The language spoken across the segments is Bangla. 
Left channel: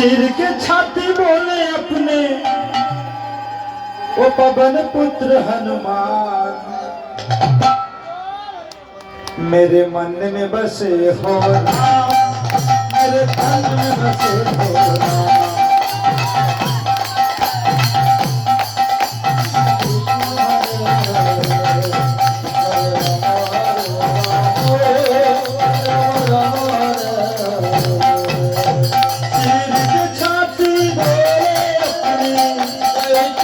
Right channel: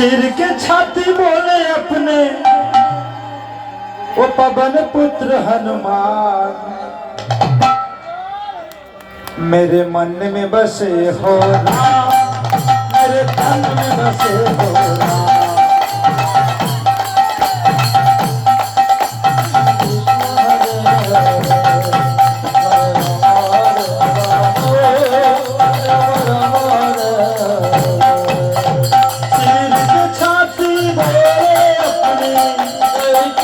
सिर के छाती बोले अपने वो पवन पुत्र हनुमान मेरे मन में बसे हो मेरे मन में बसे हो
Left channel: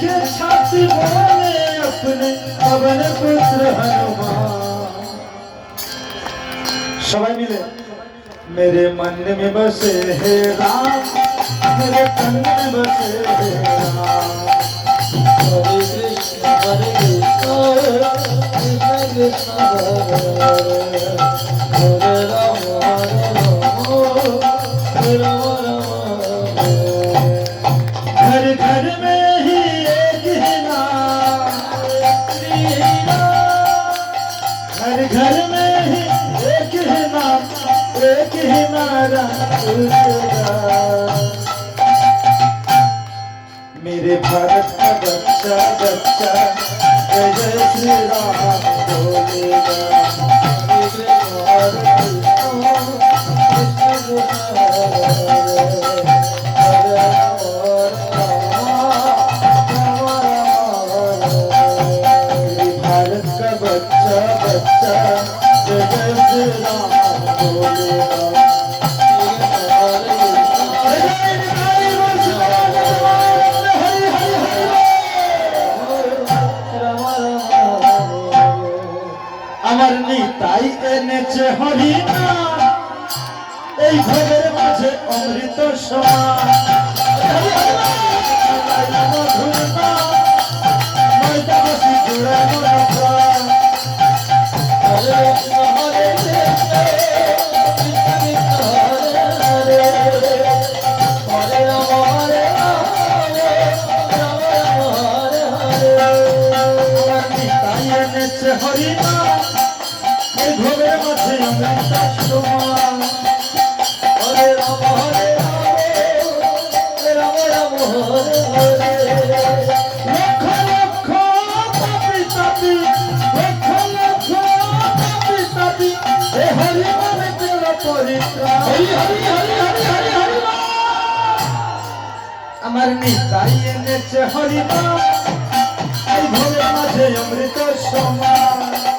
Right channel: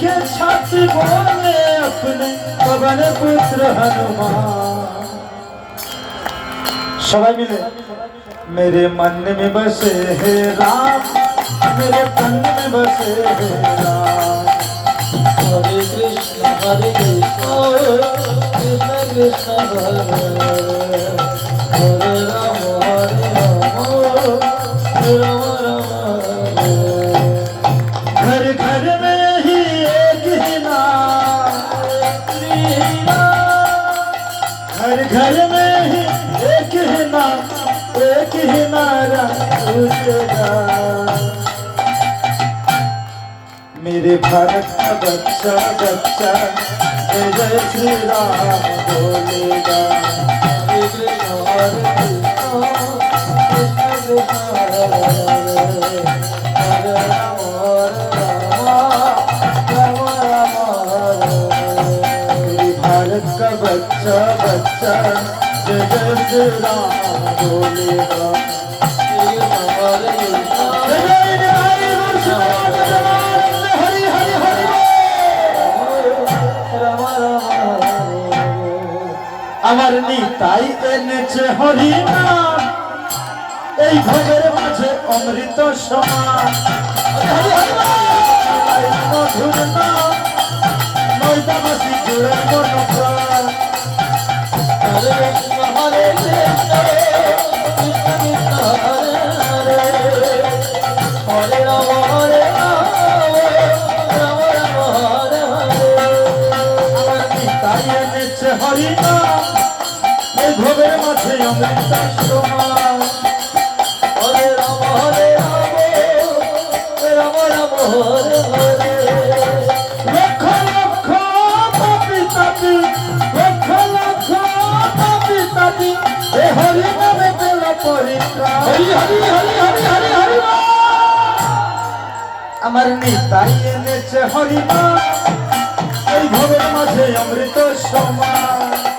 के छाती बोले अपने पवन पुत्र हनुमान सबाई मिले मेरे मन में बसे हे राम मेरे तन में बसे हे राम हरे कृष्ण हरे कृष्ण कृष्ण कृष्ण हरे हरे राम हरे राम घर घर में ही एक ही नाम हर घर में किनारा मेरे भारत का बच्चा बच्चा जय श्री राम बोलेगा भारत का बच्चा बच्चा আমার নিতাই এনেছে হরিণা এই ভোগের মাঝে অমৃত মধুর না নয়দাবাসী জুড়ে সে হরি না ভবের মাঝে আমরা চাষ হরে আমার নিতাই এনেছে হরি ঘরের মাঝে অমৃত সময়